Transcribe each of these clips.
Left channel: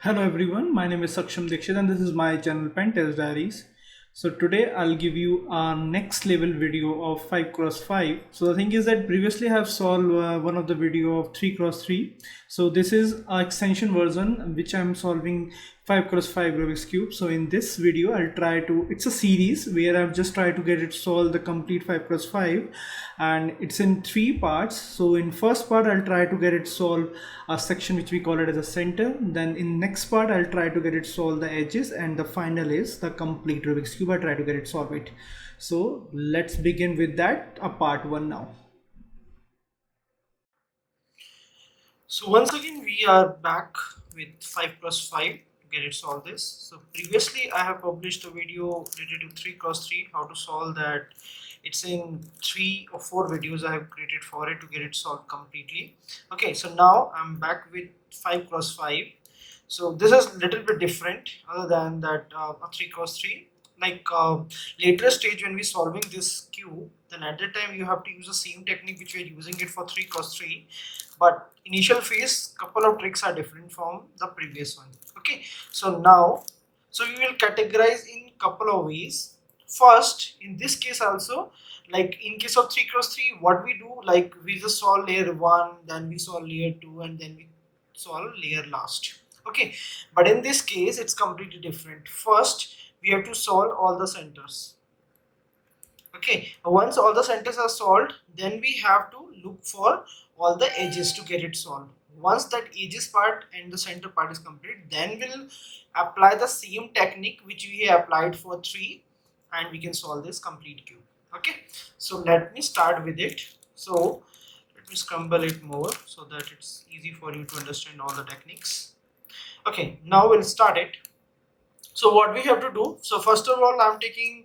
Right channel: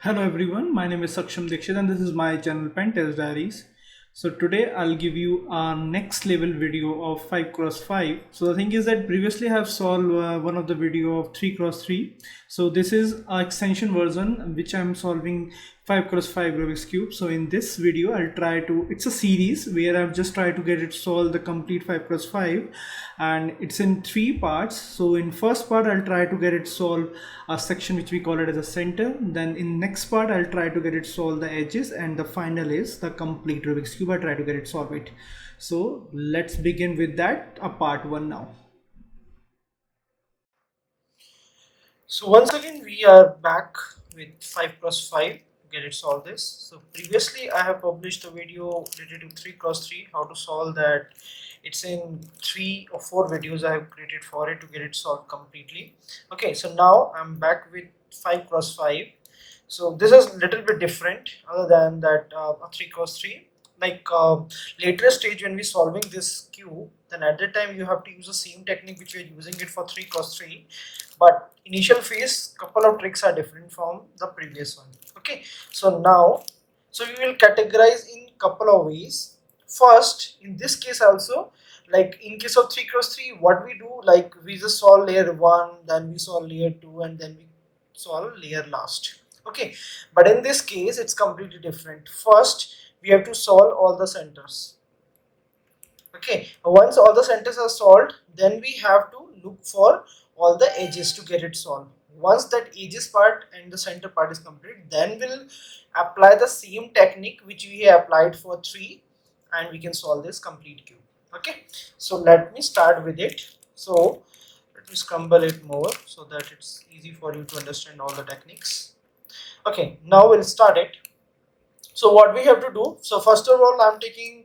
Hello everyone, my name is Saksham Dixit and this is my channel Pen Test Diaries. So today I'll give you our next level video of 5 cross 5. So the thing is that previously I have solved one of the video of 3 cross 3. So this is an extension version which I'm solving 5 cross 5 Rubik's Cube. So in this video I'll try to, it's a series where I've just tried to get it solve the complete 5 cross 5 and it's in 3 parts. So in first part I'll try to get it solve a section which we call it as a center. Then in next part I'll try to get it solve the edges, and the final is the complete Rubik's Cube. I try to get it solve it. So let's begin with that, a part 1 now. So once again we are back with 5 cross 5 to get it solve this. So previously I have published a video related to 3 cross 3, how to solve that. It's in 3 or 4 videos I have created for it to get it solved completely. Okay, so now I'm back with 5 cross 5. So this is a little bit different other than that a 3 cross 3. Like later stage when we're solving this cube, then at that time you have to use the same technique which we're using it for 3 cross 3, but initial phase couple of tricks are different from the previous one. Okay, so now we will categorize in couple of ways. First, in this case also, like in case of 3 cross 3, what we do, like we just solve layer 1, then we solve layer 2, and then we solve layer last. Okay, but in this case it's completely different. First we have to solve all the centers. Okay, once all the centers are solved, then we have to look for all the edges to get it solved. Once that edges part and the center part is complete, then we'll apply the same technique which we have applied for 3, and we can solve this complete cube. Okay, so let me start with it. So let me scramble it more so that it's easy for you to understand all the techniques. Okay, now we'll start it. So what we have to do, so first of all I'm taking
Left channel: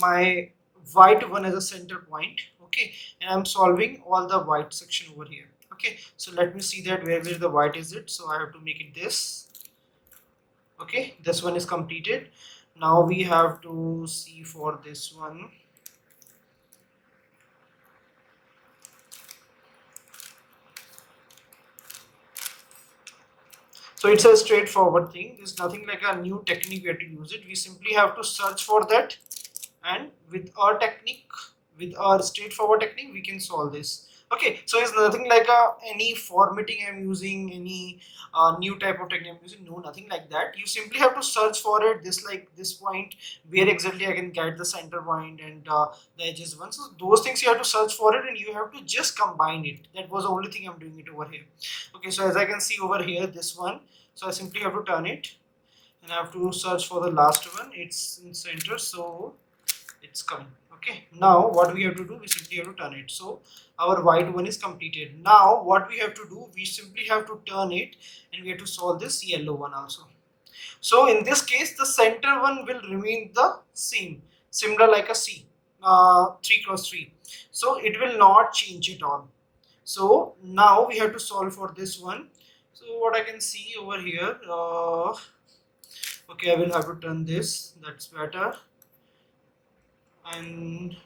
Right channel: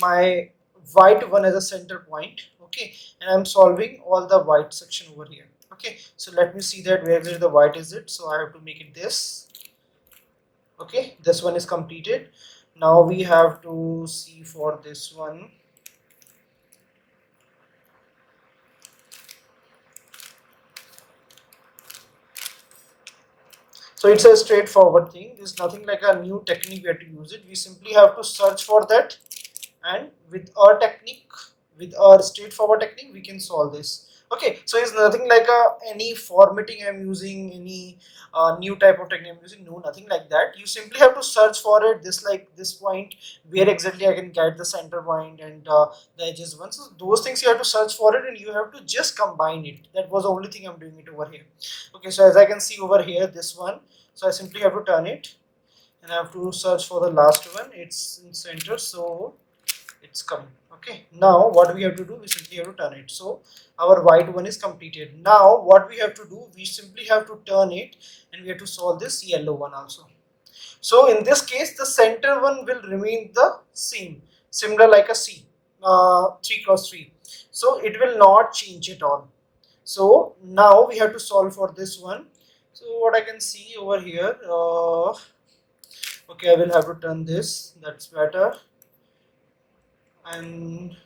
my white one as a center point. Okay, and I'm solving all the white section over here. Okay, so let me see that where the white is it. So I have to make it this. Okay, this one is completed. Now we have to see for this one. So it's a straightforward thing. There's nothing like a new technique we have to use it. We simply have to search for that, and with our technique, with our straightforward technique, we can solve this. Okay, so it's nothing like any formatting I'm using, any new type of technique I'm using. No, nothing like that. You simply have to search for it, this like this point, where exactly I can get the center point and the edges one. So those things you have to search for it, and you have to just combine it. That was the only thing I'm doing it over here. Okay, so as I can see over here, this one, so I simply have to turn it, and I have to search for the last one. It's in center, so it's coming. Okay, now what we have to do, we simply have to turn it. So our white one is completed. Now what we have to do, we simply have to turn it, and we have to solve this yellow one also. So in this case, the center one will remain the same, similar like a C, 3 cross 3. So it will not change at all. So now we have to solve for this one. So what I can see over here, okay, I will have to turn this, that's better. And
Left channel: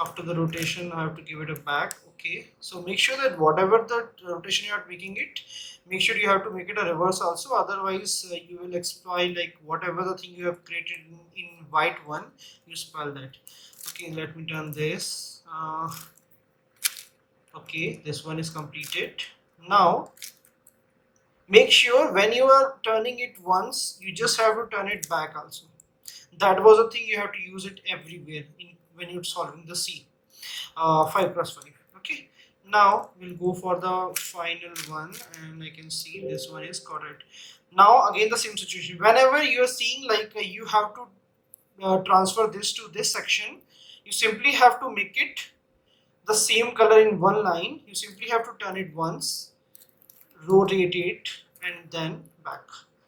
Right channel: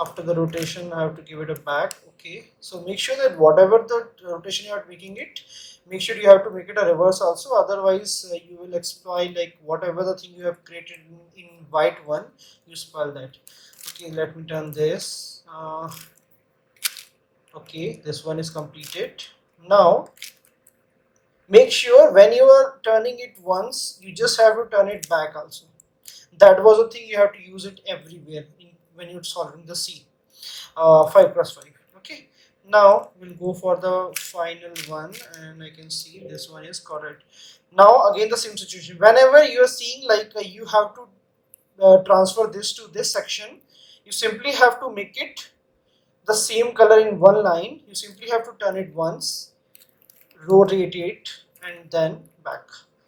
after the rotation I have to give it a back. Okay, so make sure that whatever the rotation you are making it, make sure you have to make it a reverse also, otherwise you will exploit like whatever the thing you have created in white one, you spoil that. Okay, let me turn this. Okay, this one is completed. Now make sure when you are turning it once, you just have to turn it back also. That was a thing you have to use it everywhere when you're solving the C, 5 cross 5. Okay, now we'll go for the final one, and I can see this one is correct. Now again the same situation, whenever you're seeing like you have to transfer this to this section, you simply have to make it the same color in one line. You simply have to turn it once, rotate it, and then back.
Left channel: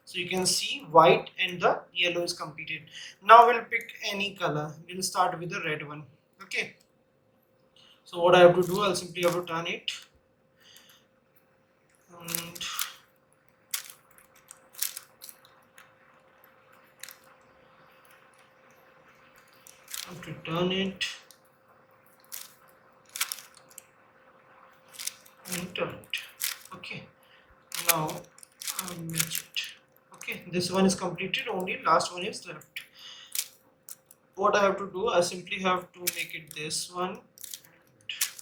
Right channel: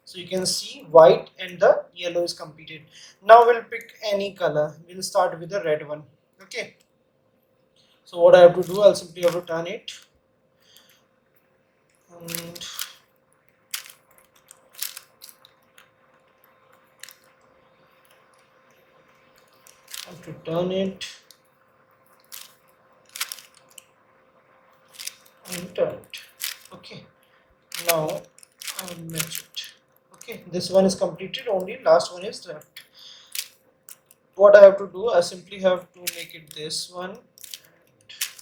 So you can see white and the yellow is completed. Now we'll pick any color. We'll start with the red one. Okay, so what I have to do, I'll simply have to turn it, and I have to turn it and turn it. Okay, now I'll match it. this one is completed, only last one is left. What I have to do, I simply have to make it this one.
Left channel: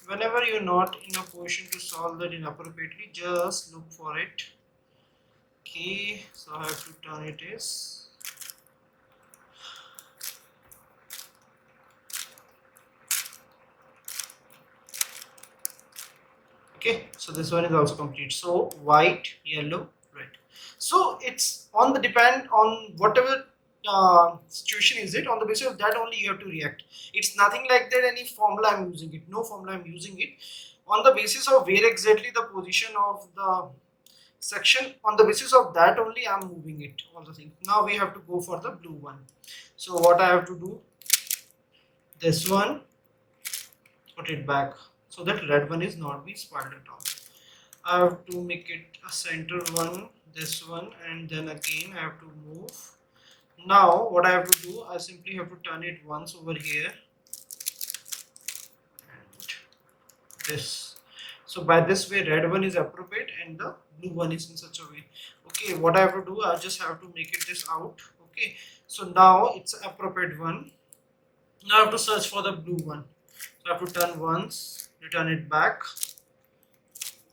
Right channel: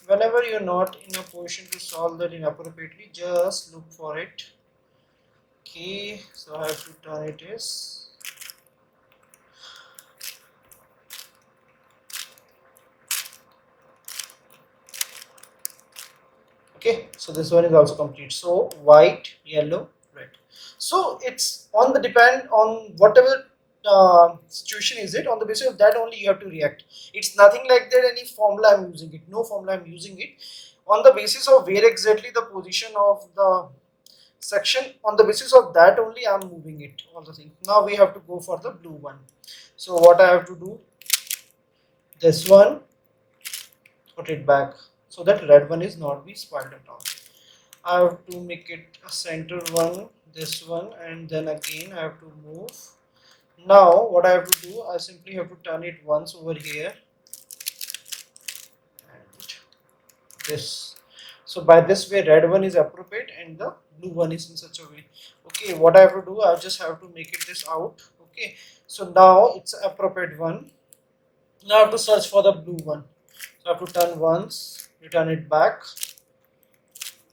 Whenever you're not in a position to solve that inappropriately, just look for it. Okay, so I have to turn it as okay. So this one is also complete. So white, yellow, red. So it's on the depend on whatever situation is it, on the basis of that only you have to react. It's nothing like that any formula I'm using it, no formula I'm using it. On the basis of where exactly the position of the section, on the basis of that only I'm moving it, all the things. Now we have to go for the blue one. So what I have to do, this one, put it back so that red one is not be spoiled at all. I have to make it a center one, this one, and then again I have to move. Now what I have to do, I simply have to turn it once over here and this. So by this way red one is appropriate and the blue one is in such a way. Okay, what I have to do, I just have to make it this out. Okay, so now it's appropriate one. Now I have to search for the blue one. So I have to turn once, return it back,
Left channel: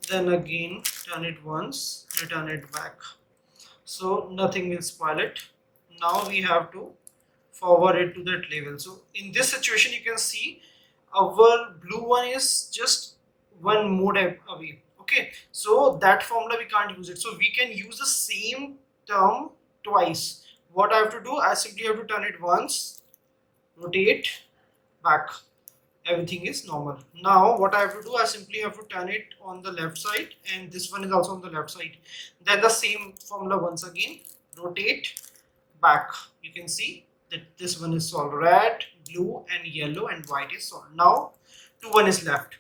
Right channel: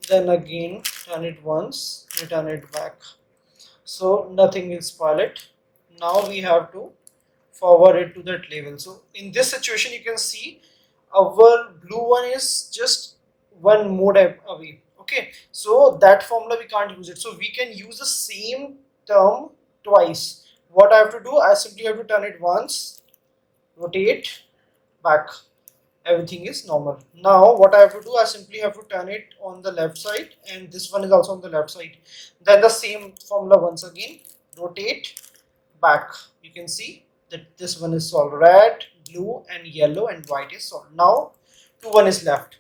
then again turn it once, return it back. So nothing will spoil it. Now we have to forward it to that level. So in this situation you can see our blue one is just one mode away. Okay, so that formula we can't use it, so we can use the same term twice. What I have to do, I simply have to turn it once, rotate back, everything is normal. Now what I have to do, I simply have to turn it on the left side and this one is also on the left side. Then the same formula once again, rotate back. You can see that this one is solved. Red, blue and yellow and white is solved. Now 1 is left.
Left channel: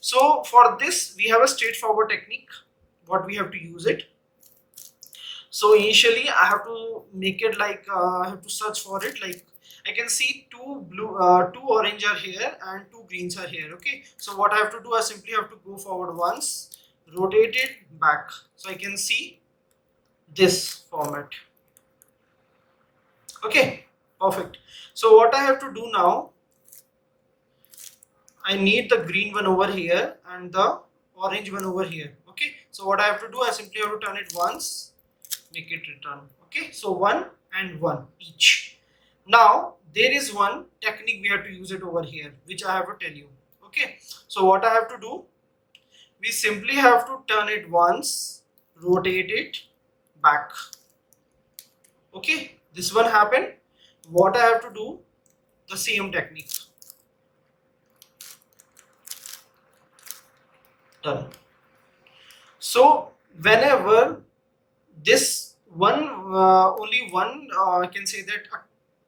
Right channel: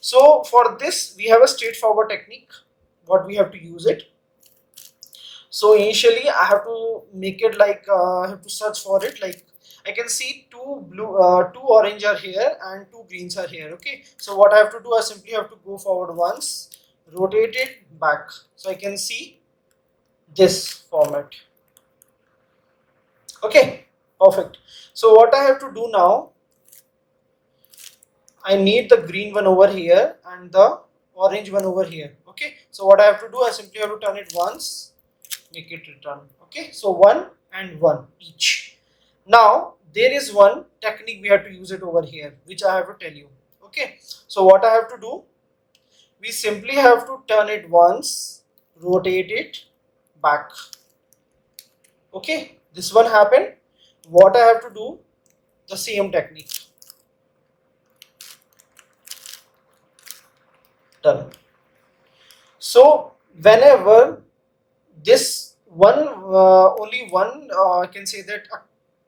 So for this we have a straightforward technique. What we have to use it. So initially I have to make it like I have to search for it. Like I can see two orange are here and two greens are here. Okay, so what I have to do, I simply have to go forward once, rotate it back, so I can see this format. Okay, perfect. So what I have to do now, I need the green one over here and the orange one over here. Okay, so what I have to do, I simply have to turn it once, make it return. Okay, so 1 and 1 each. Now there is one technique we have to use it over here, which I have to tell you. Okay, so what I have to do, we simply have to turn it once, rotate it back. Okay, this one happened. What I have to do, the same technique. Done. So whenever this one only one I can say that a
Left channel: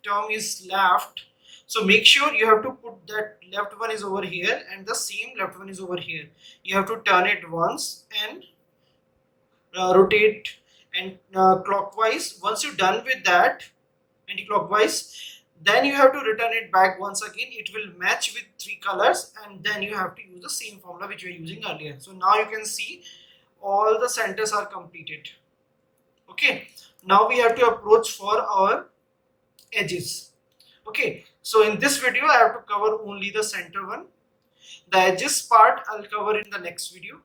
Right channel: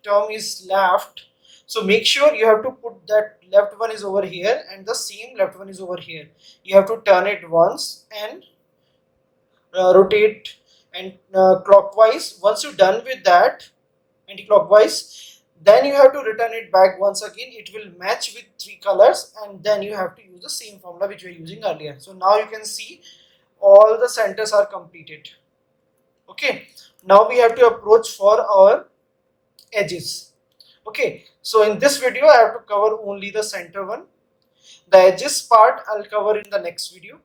term is left, so make sure you have to put that left one is over here and the same left one is over here. You have to turn it once and rotate and clockwise. Once you're done with that anti-clockwise, then you have to return it back once again. It will match with 3 colors and then you have to use the same formula which we were using earlier. So now you can see all the centers are completed. Okay, now we have to approach for our edges. Okay, so in this video I have to cover only the center one. The edges part I'll cover in the next video.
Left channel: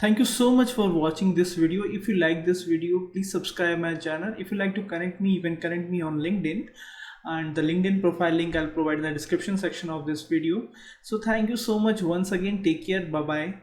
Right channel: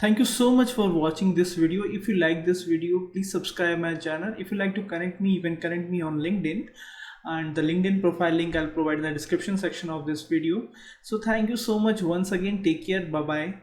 Thank you so much for watching this video. If you like this video, please subscribe my channel. If you like to connect me, you can connect me on LinkedIn, and the LinkedIn profile link I'll provide in the description section of this video. So thank you so much once again. Take care. Bye bye.